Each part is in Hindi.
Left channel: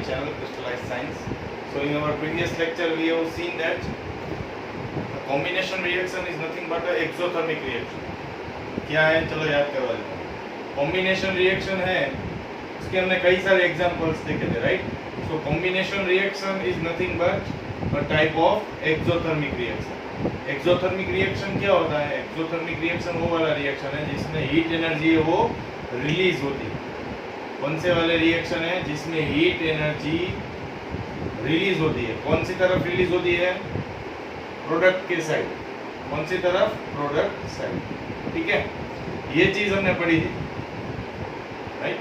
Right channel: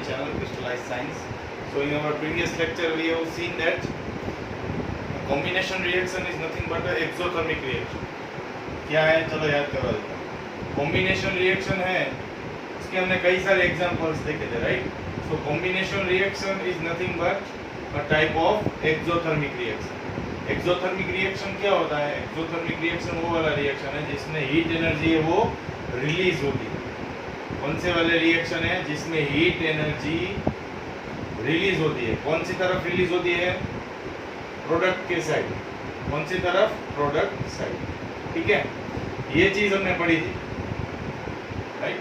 my channel Crystallized Science. So in our previous lecture we have seen that combination reaction is nothing but an exothermic reaction. क्या है, चलो याद करवा देते हैं. कॉम्बिनेशन रिएक्शन है, इसके हमने कई सारे एग्जांपल्स देखे थे, right. So combination reaction is nothing but a type of exothermic reaction. Exothermic reaction क्या होता है? एक्सोथर्मिक रिएक्शन वो वाला रिएक्शन है जिसमें हीट एनर्जी है वो रिलीज होती है. कौन से वाले रिएक्शन है जिसमें हीट एनर्जी रिलीज होती है? कौन सी तरफ रिलीज होती है? प्रोडक्ट के साइड. कौन सी तरफ? Product side. ठीक है, ये चीज हमने पढ़ी थी, right.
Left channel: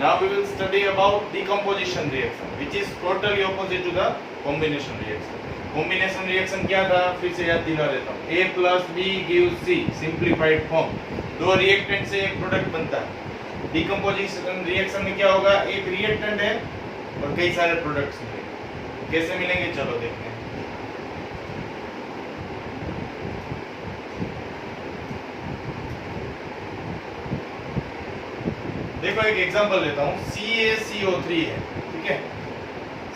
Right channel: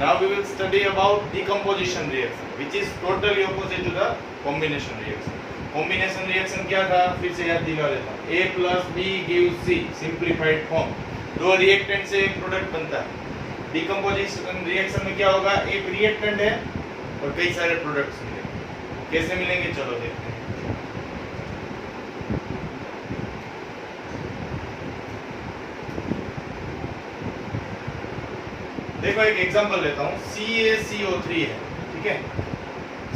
Now we will study about decomposition reaction which is totally opposite to the combination reaction. Combination reaction क्या था? फिर से याद दिला देता हूं. A + B gives C, simplified form. दो रिएक्टेंट से एक प्रोडक्ट बनता है. डिकम्पोजिशन रिएक्शन में क्या होगा? एक रिएक्टेंट है और कई सारे प्रोडक्ट्स मिलेंगे. कैसे मिलेंगे चलो देखते हैं. देखो एक एग्जांपल लेता हूँ. CaCO3 है, ठीक है.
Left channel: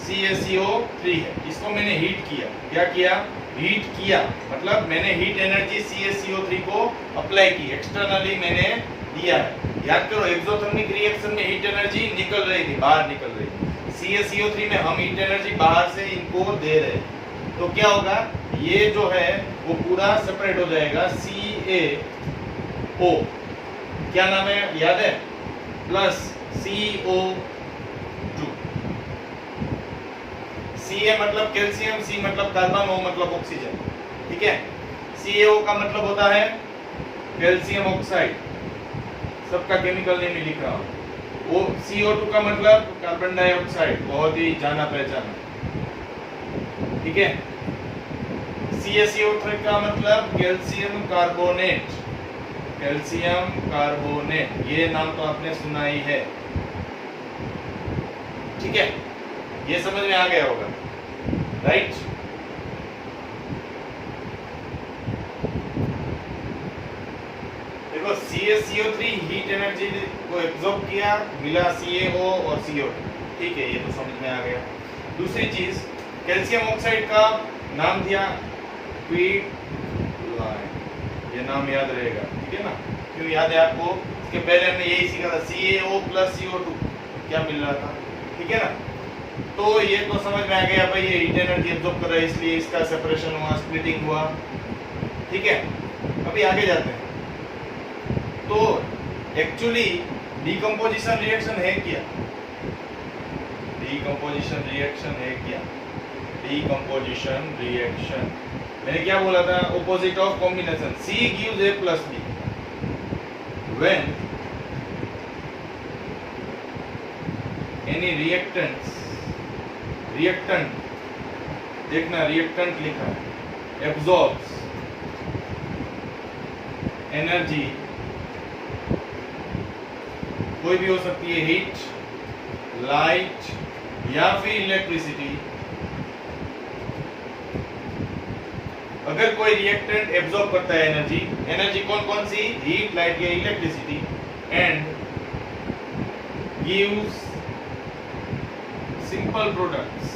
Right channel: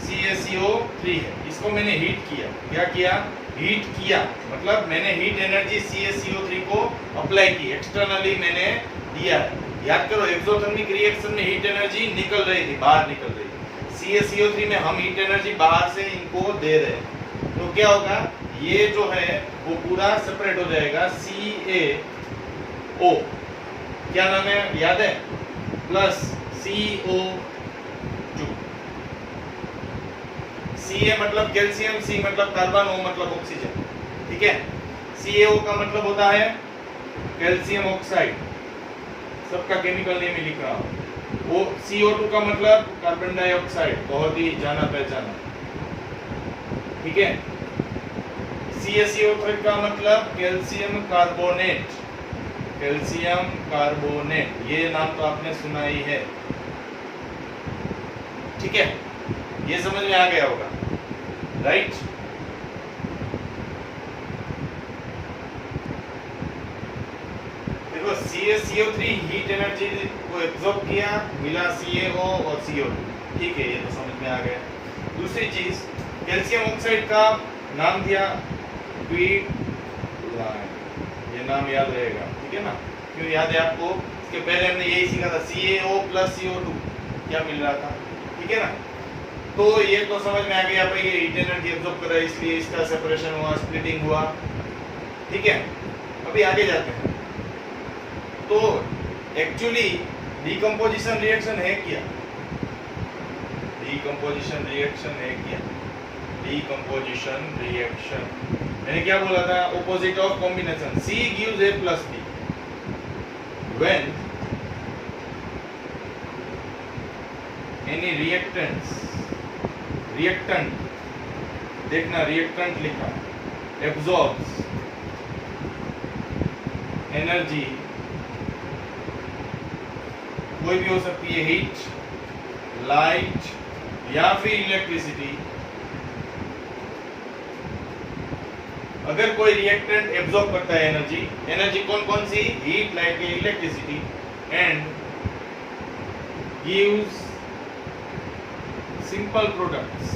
CaCO3 है, इसको मैंने हीट किया. क्या किया? हीट किया मतलब मैंने हीट एनर्जी CaCO3 को अप्लाई की, एक्सटर्नली मैंने दिया है. याद करो, एक्सोथर्मिक रिएक्शन में हीट एनर्जी निकल रही थी, बाहर निकल रही थी. CaCO3 में हम हीट एनर्जी बाहर से इनको दे रहे हैं. तो क्या होगा? ये जो है वो पूरा सेपरेट हो जाएगा. CaO क्या नाम है याद है? Plus CO2. Ca मतलब कैल्शियम, C मतलब कार्बन, O मतलब ऑक्सीजन. ठीक है. CaO का मतलब होता है कैल्शियम ऑक्साइड. सबका केमिकल नेम लिख रहा हूं. वो CO2 का मतलब कार्बन डाइऑक्साइड, बहुत ही जाना पहचाना. ठीक है. CaCO3 का मतलब कैल्शियम कार्बोनेट. कैल्शियम कार्बोनेट, ये नाम तो आपने सुना ही है. ठीक है, ये समझ में आ गया होगा, राइट. देखो CaCO3 हीट एनर्जी को एब्जॉर्ब किया, मिला CaO और CO2. ठीक है, ये तो समझ में आ गया. दूसरी चीज, कैल्शियम ऑक्साइड का नाम दिया क्विक लाइन. ये नाम याद रहेगा, ठीक है ना. क्यों याद है आपको? इसके पहले हमने यही सीखा था. CaO + CO2 क्या मिल रहा था, ठीक है ना. तो ये तो समझ में आ गया भाई, ये हीट एनर्जी एब्जॉर्ब कर रहा है इसलिए इसका सेपरेशन हुआ, स्प्लिटिंग हुआ. ठीक है, अभी आगे जाते हैं. तो एक्चुअली डिकम्पोजिशन रिएक्शन है क्या? डिकम्पोजिशन रिएक्शन है क्या? डिकम्पोजिशन रिएक्शन मैंने क्या बोला था? Opposite of combination. C gives A + B when any reactant देखना, रिएक्टेंट लिखा है, absorbs एनर्जी, कोई भी हो सकती है, हीट, लाइट या फिर इलेक्ट्रिसिटी. अगर कोई रिएक्टेंट एब्जॉर्ब करता है एनर्जी, एनर्जी कौन कौन सी? हीट, लाइट या electricity, and gives simple products.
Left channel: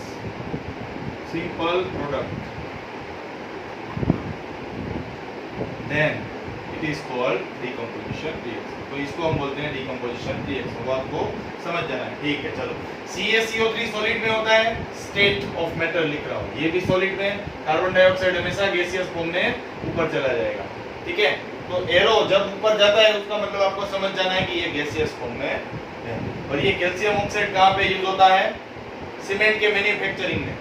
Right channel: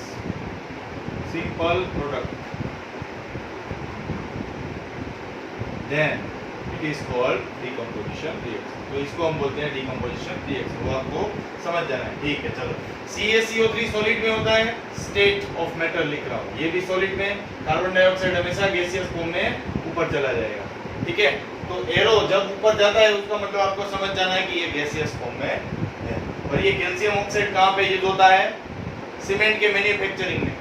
Then it is called decomposition reaction. तो इसको हम बोलते हैं डिकम्पोजिशन रिएक्शन. वो आपको समझ जाना है. ठीक है, चलो. CaCO3 सॉलिड में होता है, स्टेट ऑफ मैटर लिख रहा हूँ. ये भी सॉलिड में. कार्बन डाइऑक्साइड हमेशा गैसियस फॉर्म में ऊपर चला जाएगा. ठीक है, तो एरो जब ऊपर जाता है उसका मतलब आपको समझ जाना है कि ये गैसियस फॉर्म में है. और ये कैल्शियम ऑक्साइड कहाँ पे यूज होता है? सीमेंट के मैन्युफैक्चरिंग में.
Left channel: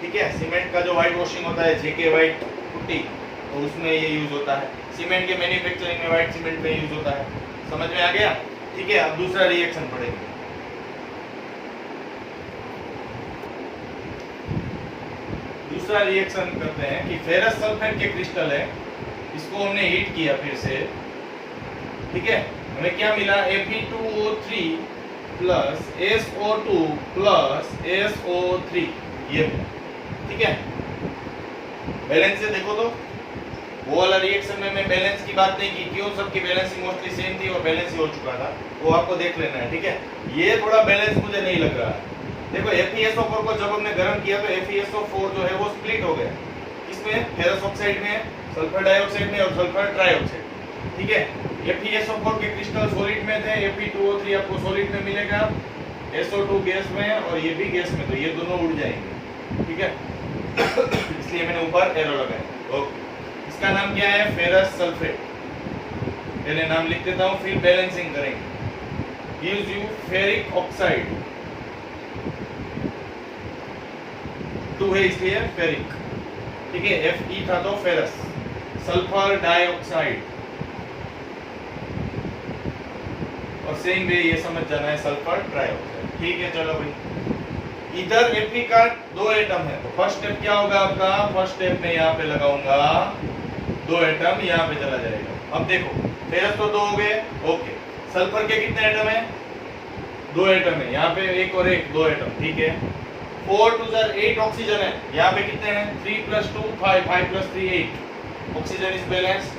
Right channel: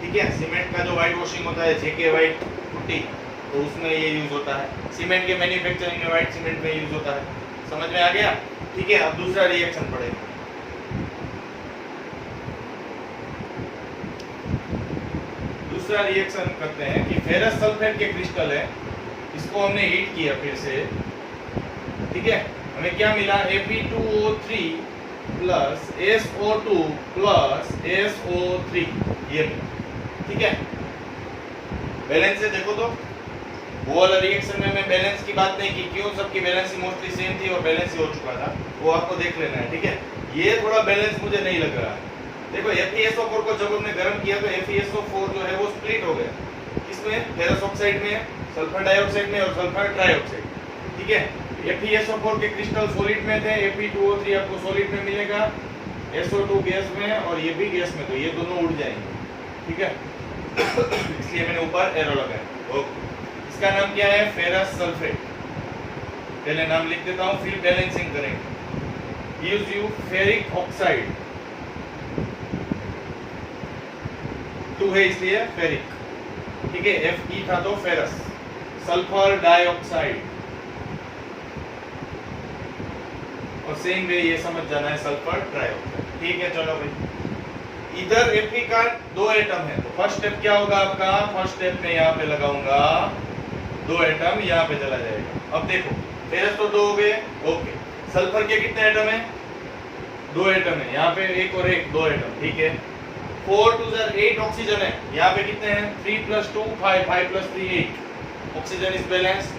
ठीक है, सीमेंट का जो व्हाइट वॉशिंग होता है, जेके व्हाइट पुट्टी, तो उसमें ये यूज होता है. सीमेंट के मैन्युफैक्चरिंग में व्हाइट सीमेंट में यूज होता है. समझ में आ गया? ठीक है, अब दूसरा रिएक्शन पढ़ेंगे. दूसरा रिएक्शन करते हैं कि फेरस सल्फेट के क्रिस्टल है, इसको हमने हीट किया फिर से. ठीक है, हमें क्या मिला? Fe2O3 + SO2 + SO3 ये मिला. ठीक है, बैलेंस से देखो तो. वो वाला रिएक्शन में मैं बैलेंस की बात नहीं की. क्यों? सबकी बैलेंस मोस्टली सेम थी और बैलेंस ही हो चुका था. वो आपको देख लेना है. ठीक है, ये थोड़ा बैलेंस मुझे नहीं लग रहा है. देखो FeSO4 को जब हमने गर्म किया तो FeSO4 जो है वो स्प्लिट हो गया, इसमें फेरस ऑक्साइड में, सल्फर डाइऑक्साइड में और सल्फर ट्राइऑक्साइड, ठीक है। FeSO4 के क्रिस्टल सॉलिड में थे, Fe2O3 आपको सॉलिड में मिलेगा, SO2 गैस में और ये भी गैस में, तो ये दोनों उड़ जाएंगे, ठीक है। इसलिए मैंने ऊपर एरो लगाया। ओके, इसका नाम क्या है? Ferrous sulphate. पहले नाम लिख देता हूँ, फिर बैलेंसिंग करेंगे। गिव्स यू फेरिक ऑक्साइड, 2 है इसलिए फेरिक, ठीक है। Fe था तो फेरस, सल्फर डाइऑक्साइड, और सेम वे ये समझ जाना है सल्फर ट्राइऑक्साइड, ठीक है। चलो भाई, इधर Fe का 2 एटम है, तो फर्स्ट स्टेप क्या होगा आपका? फर्स्ट स्टेप में यहाँ पे लगाऊंगा 2 एटम, यहाँ पे चला जाएगा। अब देखो फेरस तो 2 हो गए, ओके। सल्फर के कितने एटम है? 2 एटम है, यहाँ पे 1 और 1, 2 एटम, ठीक है। 4 2 8 ऑक्सीजन है, यहाँ पे कितने हैं? 3 + 2 5, 5 + 3 8। Oxygen is balanced,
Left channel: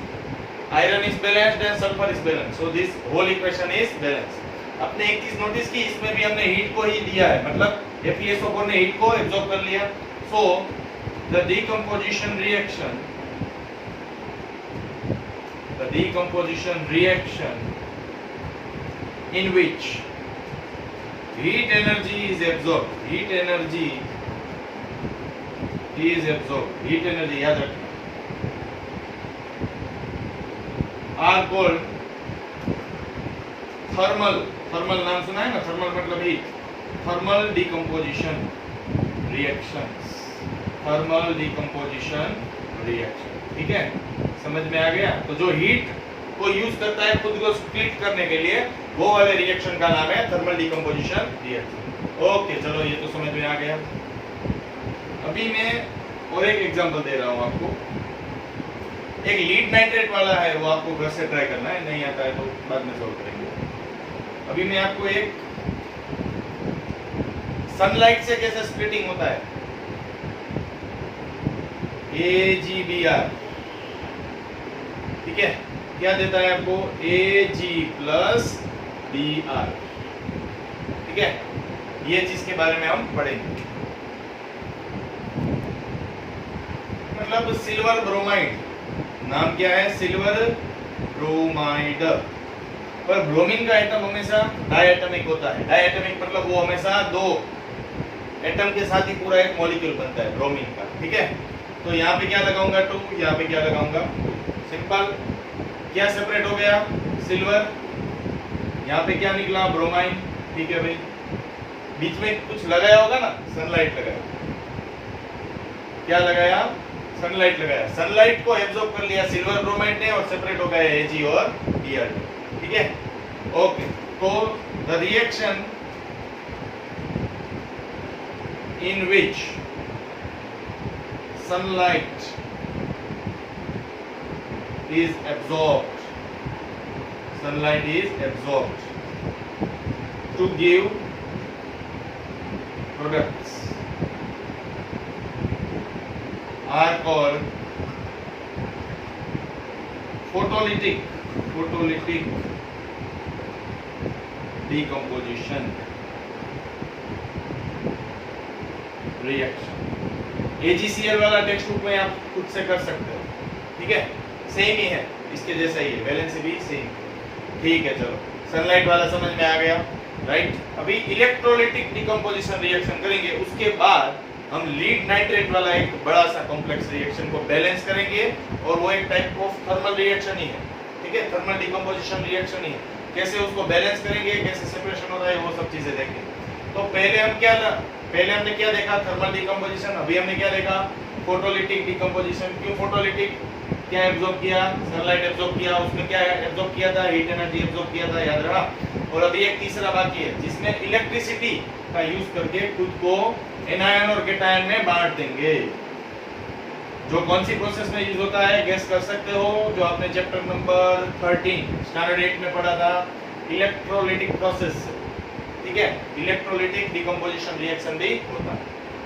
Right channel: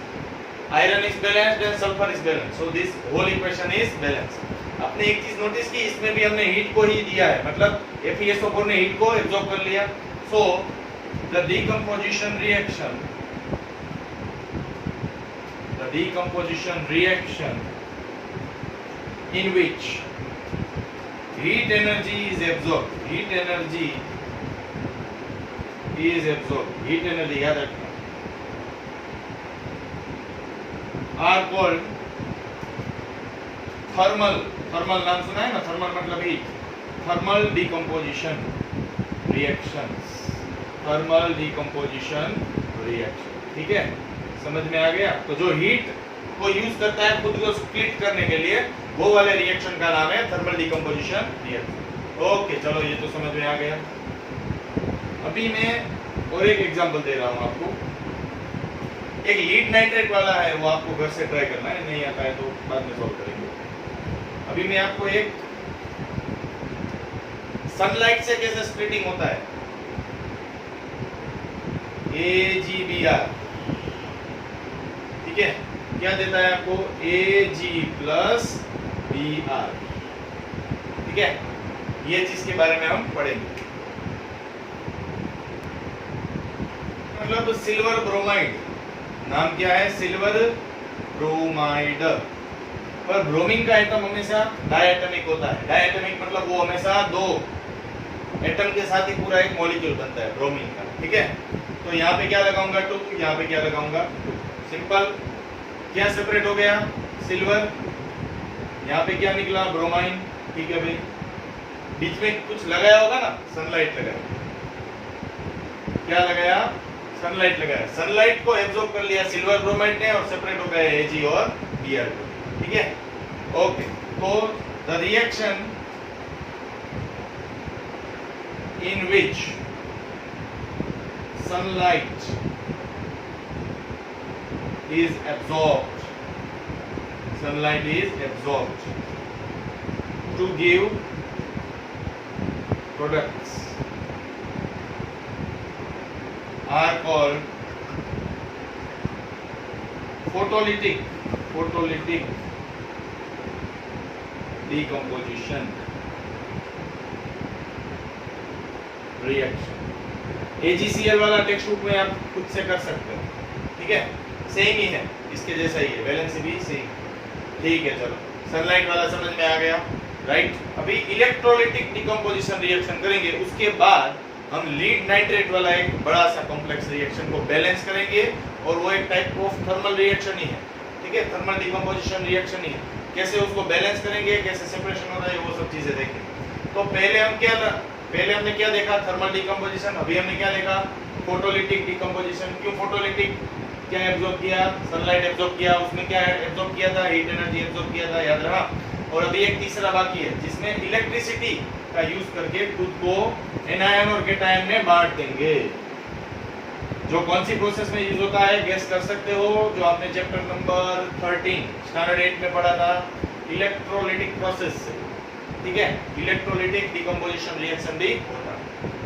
iron is balanced and sulphur is balanced, so this whole equation is balanced. आपने एक चीज नोटिस की, इसमें भी हमने हीट को ही दिया है, मतलब FeSO4 ने हीट को एब्जॉर्ब कर लिया। So the decomposition reaction in which heat energy is absorbed, heat energy याद रखना, are called थर्मल नाम सुना है ना, थर्मल मतलब हीट, थर्मल डिकम्पोजिशन रिएक्शन, ठीक है। समझ में आ गया? तो जो हीट को यूज करता है खुद को स्प्लिट करने के लिए, वो वाले रिएक्शन का नाम है थर्मल डिकम्पोजिशन रिएक्शन। ओके, चलो ये तो समझ में आ गया। अभी मैं और एक एग्जांपल दे रहा हूं आपको। एक लीड नाइट्रेट वाला है, वो आपको घर से ट्राई करना है, नहीं आता है तो बाद में सॉल्व करेंगे। अभी मैं आपको एक सनलाइट से कैसे स्प्लिटिंग होता है, AgBr, ठीक है। क्या देता है आपको? Ag + Br, ठीक है। ये चीज के बारे में हम पढ़ेंगे, मतलब सिल्वर ब्रोमाइड, नाम क्या है? Silver bromide. पर ब्रोमीन का एटम हमेशा डायटोमिक होता है। डायटोमिक मतलब वो हमेशा 2 एटम के साथ ही पूरा एक मॉलिक्यूल बनता है ब्रोमीन का, ठीक है। तो यहाँ पे क्या लगाऊंगा? 2, यहाँ पे क्या लगाऊंगा? 2। सिंपल। क्या सेपरेट हो गया? सिल्वर। यहाँ पे क्या निकला? ब्रोमाइन, ठीक है भाई। बीच में कुछ लगाया होगा ना, सनलाइट लगाया। क्या लगाया? सनलाइट लगाया। सनलाइट को एब्जॉर्ब कर लिया सिल्वर ब्रोमाइड ने और सेपरेट हो गया Ag और Br, ठीक है। ओके, तो the reaction in which sunlight is absorbed to give products are called photolytic decomposition reaction. AgCl वाला टेक्स्ट बुक में आप खुद से कर सकते हो, ठीक है। सेम ही है, इसके जैसा ही है, वैलेंसी भी सेम, ठीक है। चलो, सनलाइट वाला समझ में आ गया, राइट। अभी इलेक्ट्रोलाइटिक डिकम्पोजिशन रिएक्शन करेंगे, उसके बाद हम लीड नाइट्रेट वाला एक बड़ा सा कॉम्प्लेक्स रिएक्शन को बैलेंस करेंगे, और वो एक टाइप ऑफ थर्मल रिएक्शन ही है, ठीक है। थर्मल डिकम्पोजिशन रिएक्शन ही है। कैसे उसको बैलेंस करेंगे, कैसे सेपरेशन होता है, वो सब चीजें देखेंगे। तो पहले हमने क्या देखा? Thermal decomposition. अभी हमने क्या देखा? Photolytic decomposition. क्यों फोटोलिटिक? क्या एब्जॉर्ब किया? सनलाइट एब्जॉर्ब किया। उसमें क्या एब्जॉर्ब किया था? हीट एनर्जी एब्जॉर्ब किया था, याद रहा। और अभी एक तीसरा बाकी है, जिसमें इलेक्ट्रिसिटी का यूज करके खुद को एनायन और कैटायन में बांट देंगे। जो कौन सी प्रोसेस में यूज होता है, गेस कर सकते हो? जो आपने चैप्टर नंबर 13 स्टैंडर्ड 8 में पढ़ा था, इलेक्ट्रोलाइटिक प्रोसेस से, ठीक है। इलेक्ट्रोलाइटिक डिकम्पोजिशन रिएक्शन भी होता है,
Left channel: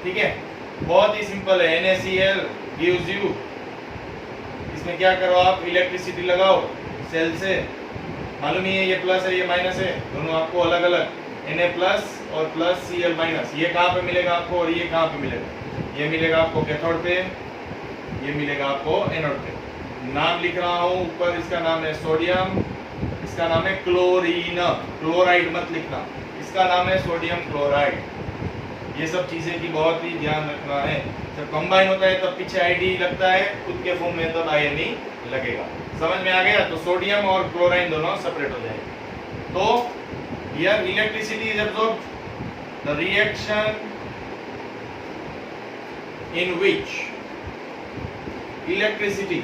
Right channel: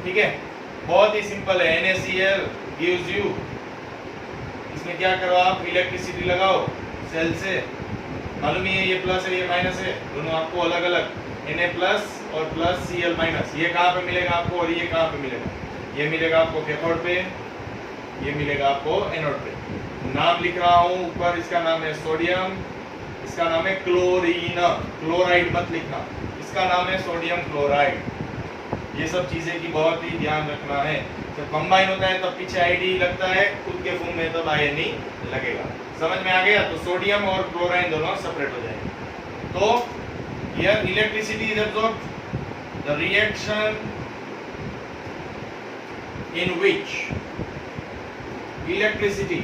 ठीक है। बहुत ही सिंपल है। NaCl गिव्स यू, इसमें क्या करो आप? इलेक्ट्रिसिटी लगाओ सेल से, मालूम ही है ये प्लस है ये माइनस है, दोनों आपको अलग अलग Na प्लस और प्लस Cl माइनस। ये कहाँ पे मिलेगा आपको और ये कहाँ पे मिलेगा? ये मिलेगा आपको कैथोड पे, ये मिलेगा आपको एनोड पे। नाम लिख रहा हूँ ऊपर, इसका नाम है सोडियम, इसका नाम है क्लोरीन। क्लोराइड मत लिखना, इसका नाम है सोडियम क्लोराइड। ये सब चीजें की बहुत ही ध्यान रखना है। जब कंबाइन होता है तब पीछे आईडी लगता है, खुद के फॉर्म में तब आयनी लगेगा। समझ में आ गया? तो सोडियम और क्लोराइन दोनों सेपरेट हो जाएंगे। तो here electricity is absorbed, the reaction in which electricity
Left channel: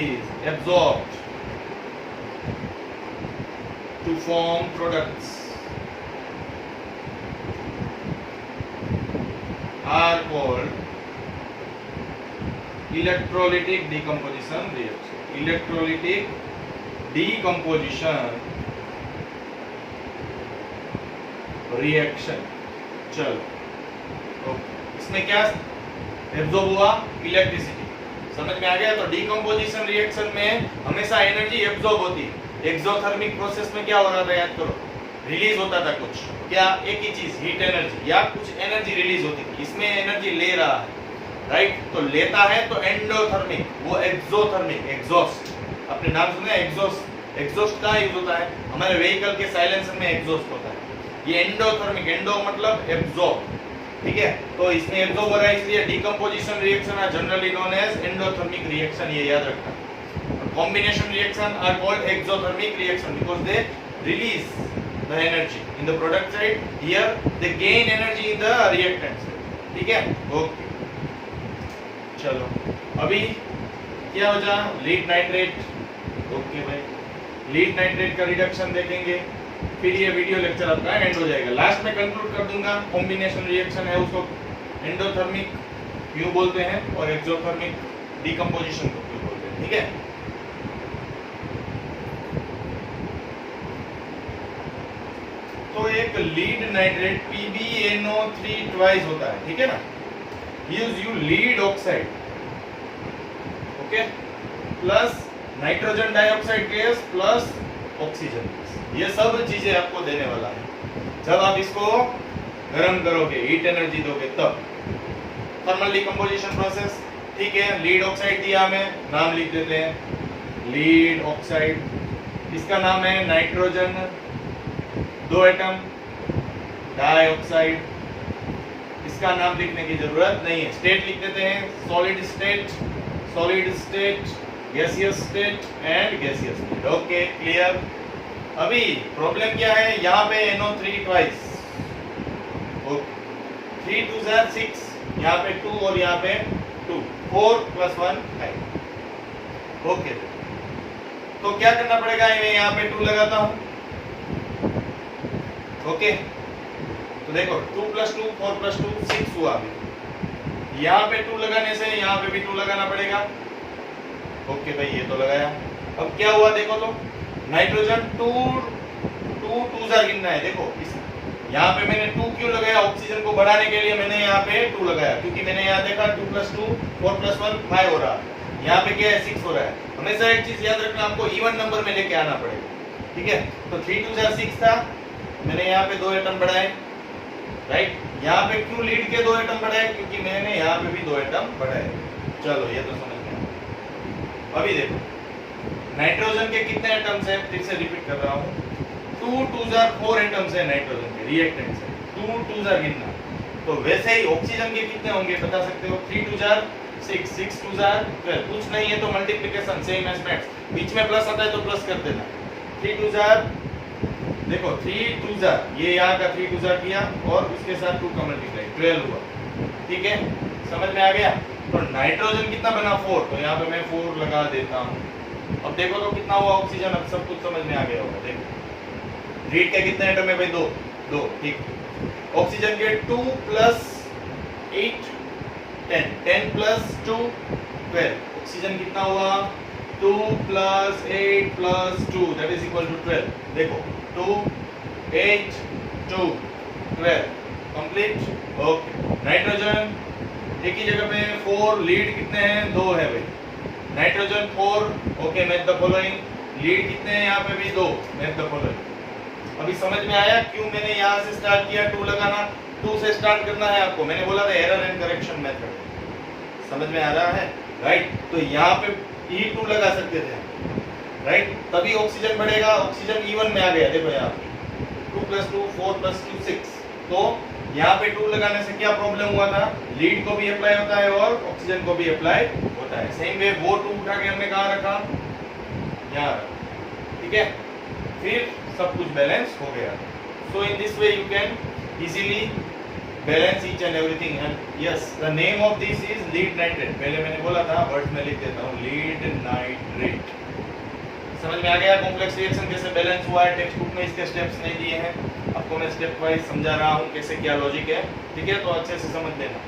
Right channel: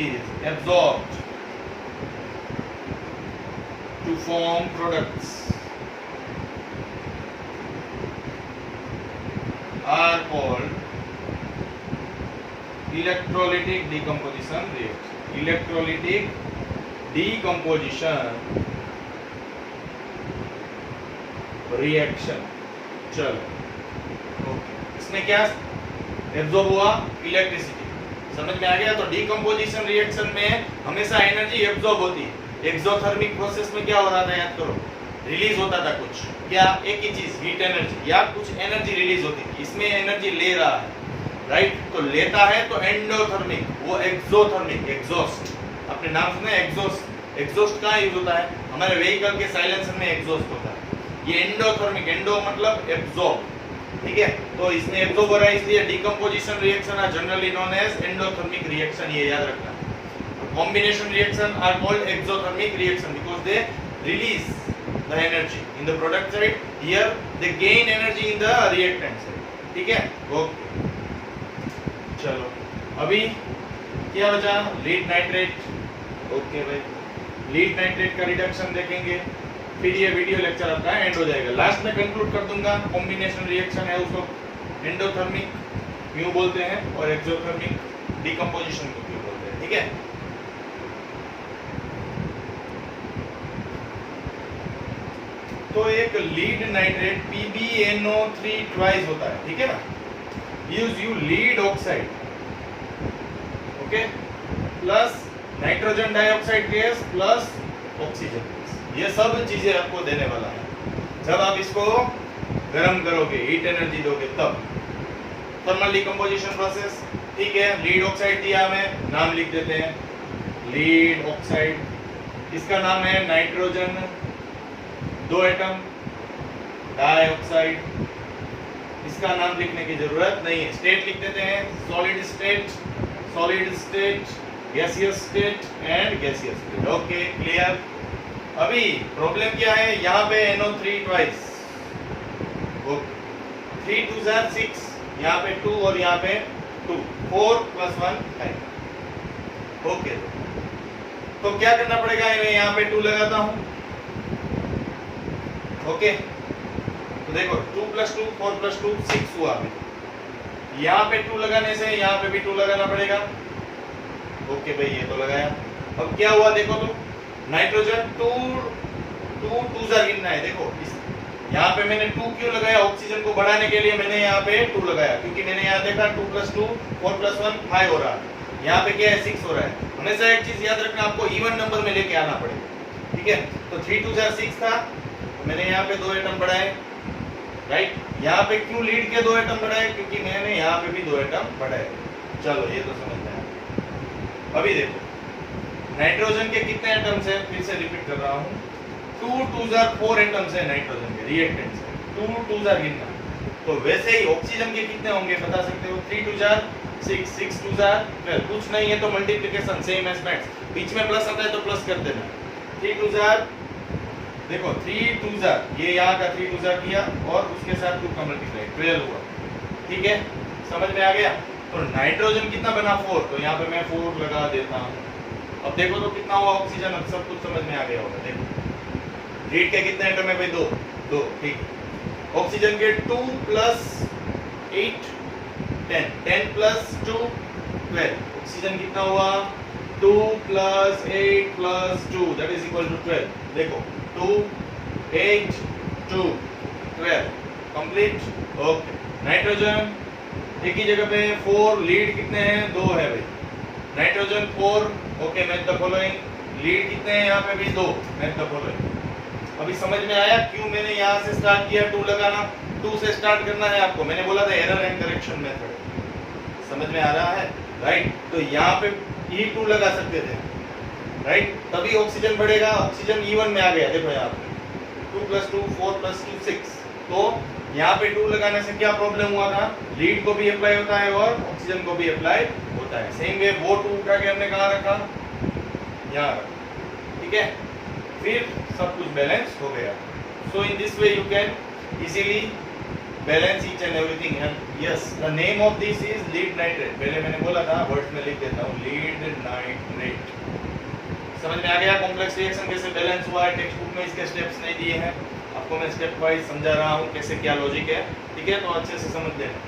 is absorbed to form products are called electrolytic decomposition reaction. Electrolytic decomposition reaction. चलो इसमें क्या एब्जॉर्ब हुआ? इलेक्ट्रिसिटी। समझ में आ गया? तो डीकम्पोजिशन रिएक्शन में हमेशा एनर्जी एब्जॉर्ब होती है। एक्सोथर्मिक प्रोसेस में क्या हो रहा था याद करो, रिलीज होता था कुछ, क्या? एक ही चीज, हीट एनर्जी या कुछ एनर्जी रिलीज होती थी। इसमें एनर्जी ले रहा है, राइट? तो लेता है तो एंडोथर्मिक, वो एक्सोथर्मिक, एग्जॉस्ट। आपने नाम सुना है एग्जॉस्ट? एग्जॉस्ट कहाँ यूज होता है? हमारे व्हीकल के साइलेंसर में एग्जॉस्ट होता है। ये एंडोथर्मिक, एंडो मतलब एब्जॉर्ब, ठीक है? तो इसमें एब्जॉर्ब हो रहा है, इसलिए decomposition reaction are generally known as endothermic reaction, ये याद रखना। Combination reaction are called exothermic reaction because they release the energy in the product side, here they gain energy in the reactant side, ठीक है? ओके चलो अभी क्या बचा? Lead nitrate. ओके भाई, लीड नाइट्रेट का रिडक्शन देखेंगे, फिर ये वीडियो लेक्चर आपका एंड हो जाएगा। लास्ट में कंक्लूड कर दूंगा, कॉम्बिनेशन रिएक्शन है उसको एंडोथर्मिक क्यों बोलते हैं और एक्सोथर्मिक डीकम्पोजिशन क्यों बोलते हैं, ठीक है? तो एक लीड नाइट्रेट PbNO3 ट्वाइस होता है, ठीक है ना? Gives you lead oxide, okay, plus nitrogen dioxide gas plus oxygen, ये सब चीजें आपको देने वाला है जब आप इसको गर्म करोगे, हीट एनर्जी दोगे तब। थर्मल डिकम्पोजिशन प्रोसेस, ठीक है? लीड ऑक्साइड दिया हमें, नाम लिख देते हैं लीड ऑक्साइड, इसका नाम है नाइट्रोजन, 2 एटम, डाइऑक्साइड, इसका नाम लिखने की जरूरत नहीं है, स्टेट लिख देते हैं, solid state, gaseous state and gaseous state. Okay clear? अभी प्रॉब्लम क्या है? यहाँ पे NO3 ट्वाइस, 3 2 6, यहाँ पे 2 और यहाँ पे 2, 4 + 1 5। ओके तो क्या करना पड़ेगा? मैं यहाँ पे 2 लगाता हूँ, ओके तो देखो 2 + 2 4 + 2 6 हुआ। अभी यहाँ पे 2 लगाने से यहाँ पे भी 2 लगाना पड़ेगा। ओके भाई ये तो लगाया। अब क्या हुआ देखो तो, नाइट्रोजन 2 गिनना है। देखो यहाँ पे मैंने 2 क्यों लगाया? ऑक्सीजन को बढ़ाने के लिए मैंने यहाँ पे 2 लगाया, क्योंकि मैंने यहाँ देखा 2 + 2 4 + 1 5 हो रहा है, यहाँ पे क्या है 6 हो रहा है। हमेशा एक चीज याद रखना, आपको इवन नंबर में लेके आना पड़ेगा, ठीक है? तो 3 2 6 था, मैंने यहाँ पे 2 एटम बढ़ाए, राइट? यहाँ पे क्यों लीड के 2 एटम बढ़ाए? क्योंकि मैंने यहाँ पे भी 2 एटम बढ़ाए। चलो ये तो समझ में आया। अभी देखो नाइट्रोजन के कितने एटम्स हैं? फिर से रिपीट कर रहा हूँ, 2 2 4 एटम्स है नाइट्रोजन के रिएक्टेंट से, 2 2 गिनना। तो वैसे ही ऑक्सीजन के कितने होंगे बता सकते हो? 3 2 6, 6 2 12। कुछ नहीं है तो मल्टीप्लिकेशन सेम एज मैथ्स, बीच में प्लस आता है तो प्लस कर देना। 3 2 देखो 3 2 ये यहाँ का 3 2 किया और उसके साथ 2 का मल्टीप्लाई 12 हुआ, ठीक है? समझ में आ गया? तो नाइट्रोजन कितना बना? 4, तो यहाँ पे मैं 4 लगा देता हूँ। अब देखो तो कितना हुआ ऑक्सीजन? अब सब कुछ समझ में आ गया होगा। देखो लीड के कितने एटम है भाई? 2, ठीक। ऑक्सीजन के 2 + 8 10, 10 + 2 12। ऑक्सीजन कितना हुआ? 2 + 8 + 2 दैट इज इक्वल टू 12। देखो 2 8 2 12 कंप्लीट। ओके नाइट्रोजन एक ही जगह पे 4, लीड कितने हैं? 2 है भाई, nitrogen 4, okay match the following. Lead कितने हैं यहाँ पे भी 2, मैच द फॉलोइंग। अभी समझ में आया क्यों मैंने यहाँ से स्टार्ट किया 2 लगाना? 2 से स्टार्ट करना है आपको, मैंने बोला था एरर एंड करेक्शन मेथड। समझ में आ रहा है, राइट? तो यहाँ पे E2 लगा सकते थे, राइट? तभी ऑक्सीजन बढ़ेगा, ऑक्सीजन E1 में आ गया, देखो यहाँ पे 2 + 2 4 + 2 6। तो यहाँ पे 2 लगाने से क्या प्रॉब्लम हुआ था? लीड को भी अप्लाई होता है और ऑक्सीजन को भी अप्लाई होता है। सेम वे वो 2 उठा के हमने कहाँ रखा? यहाँ, ठीक है? फिर सब कुछ बैलेंस हो गया। So in this way you can easily balance each and everything. And yes, the name of this is lead nitrate. पहले मैंने बोला था, वर्ड्स में लिख देता हूँ, लीड नाइट्रेट। समझ में आ गया कॉम्प्लेक्स रिएक्शन कैसे बैलेंस हुआ है? टेक्स्ट बुक में इसके स्टेप्स नहीं दिए हैं, आपको मैं स्टेप वाइज समझा रहा हूँ कैसे क्या लॉजिक है, ठीक है? तो अच्छे से समझ लेना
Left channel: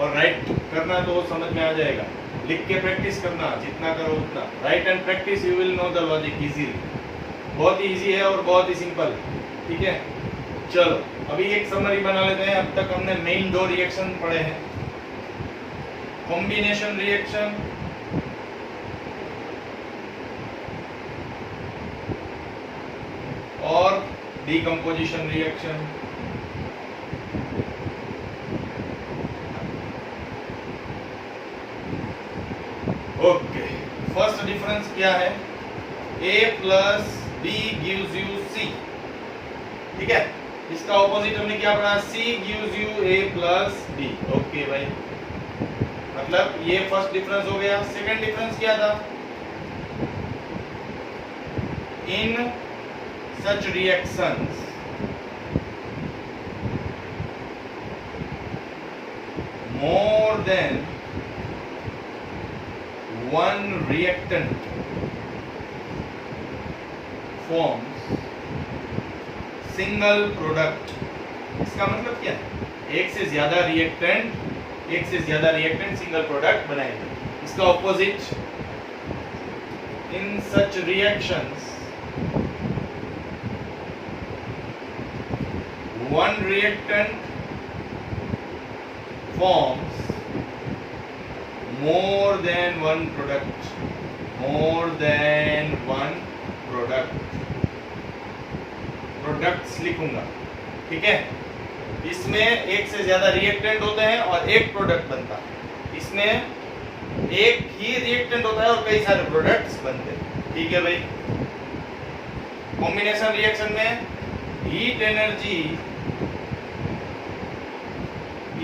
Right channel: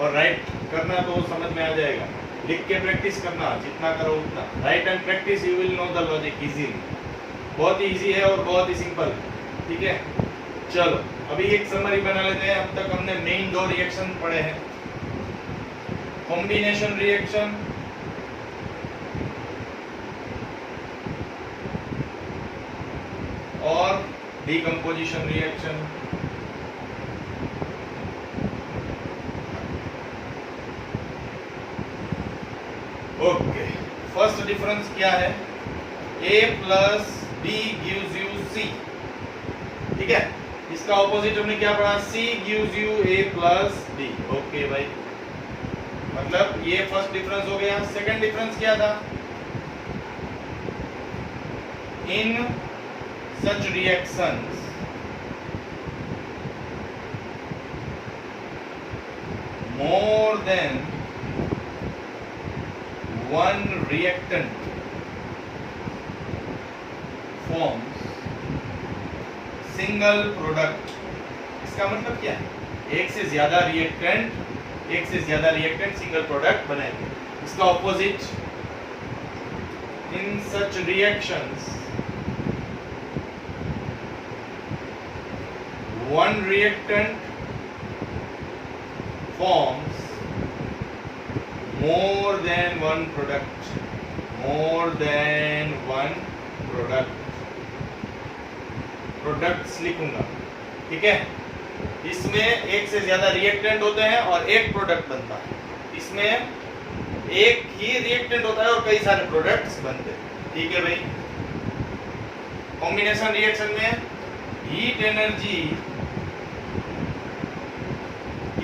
और राइट करना तो समझ में आ जाएगा। लिख के प्रैक्टिस करना, जितना करो उतना। Right and practice you will know the logic easily. बहुत ही इजी है और बहुत ही सिंपल है, ठीक है? चलो अभी एक समरी बना लेते हैं। अब तक हमने मेन 2 रिएक्शन पढ़े हैं, कॉम्बिनेशन रिएक्शन और decomposition reaction. Okay, first difference क्या है? A + B gives you C, ठीक है? इसका ऑपोजिट हमने क्या पढ़ा? C gives you A + B। Okay भाई, मतलब ये फर्स्ट डिफरेंस हो गया। सेकंड डिफरेंस क्या था? इन such reactions more than one reactant forms single product। इसका मतलब क्या है? एक से ज्यादा रिएक्टेंट सिंगल प्रोडक्ट बनाएंगे। इसका opposite, in such reactions one reactant forms more than one product। Products लिखूंगा, ठीक है? इसमें एक से ज्यादा रिएक्टेंट होते हैं और एक प्रोडक्ट बनता है। इसमें एक ही रिएक्टेंट होता है और कई सारे प्रोडक्ट्स बनते हैं, ठीक है भाई? कॉम्बिनेशन रिएक्शन में heat energy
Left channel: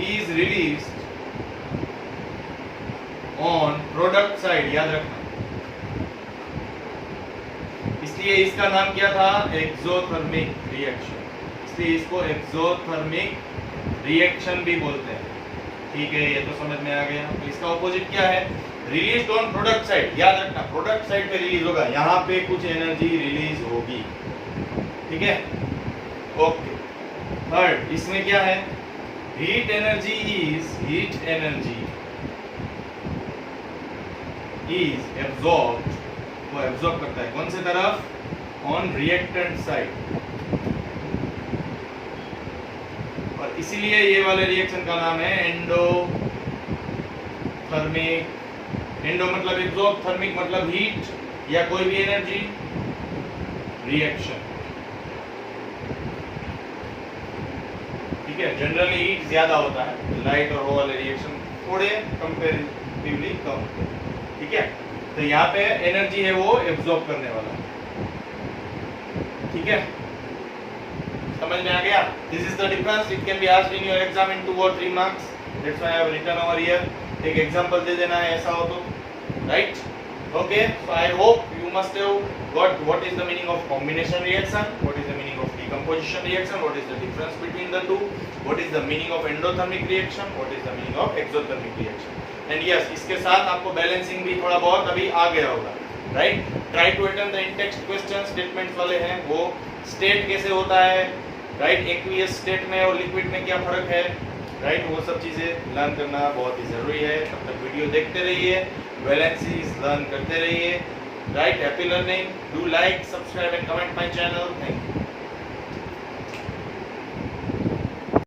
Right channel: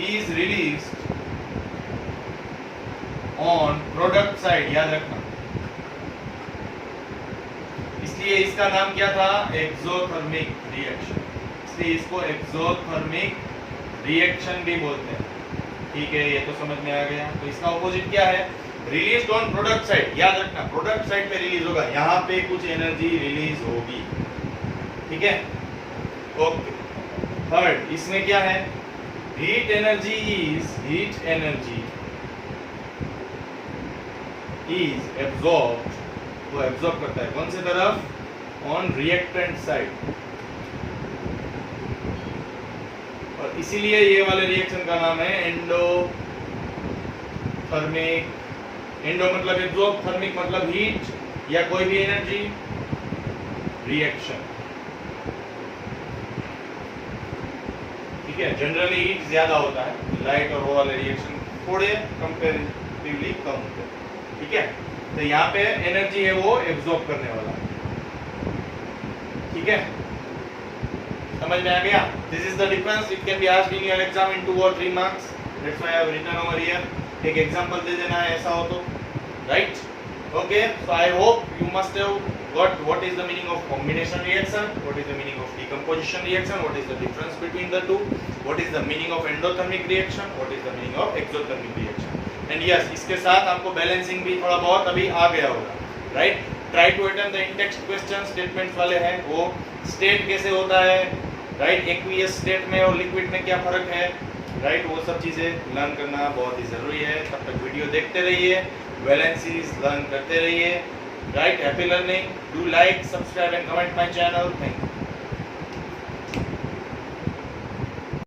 is released on product side, याद रखना। इसलिए इसका नाम क्या था? Exothermic reaction. इसलिए इसको एक्सोथर्मिक रिएक्शन भी बोलते हैं, ठीक है? ये तो समझ में आ गया। तो इसका ऑपोजिट क्या है? रिलीज ऑन प्रोडक्ट साइड, याद रखना, प्रोडक्ट साइड पे रिलीज होगा, यहाँ पे कुछ एनर्जी रिलीज होगी, ठीक है? ओके, थर्ड इसमें क्या है? हीट एनर्जी इज एब्जॉर्ब्ड, वो एब्जॉर्ब करता है कौन से तरफ? On reactant side. और इसीलिए ये वाले रिएक्शन का नाम है एंडोथर्मिक। एंडो मतलब एब्जॉर्ब, थर्मिक मतलब हीट या कोई भी एनर्जी रिएक्शन, ठीक है? जनरली हीट ज्यादा होता है, लाइट और वो वाले रिएक्शन थोड़े कंपैरेटिवली कम होते हैं, ठीक है? तो यहाँ पे एनर्जी है वो एब्जॉर्ब करने वाला, ठीक है? समझ में आ गया? This is the difference. It can be asked in your exam इन 2 or 3 marks. That's why I have written over here. एक एग्जांपल दे देना है ऐसा हो तो, right? Okay, so I hope you must have got what is the meaning of combination reaction, what is the meaning of decomposition reaction, what is the difference between the two, what is the meaning of endothermic reaction, what is the meaning of exothermic reaction. And yes, इसके साथ आपको बैलेंसिंग भी थोड़ा बहुत अभी आ गया होगा, right? Try to attend the in-text questions, statements वाले हैं, वो state कैसे होता है, right? aqueous state में और liquid में क्या फर्क है, right? वो सब चीजें लर्न करना बहुत ही जरूरी है। तब तक वीडियो देखते रहिए, बैलेंसेस लर्न करते रहिए, right? Happy learning. Do like, subscribe and comment my channel. Thank you.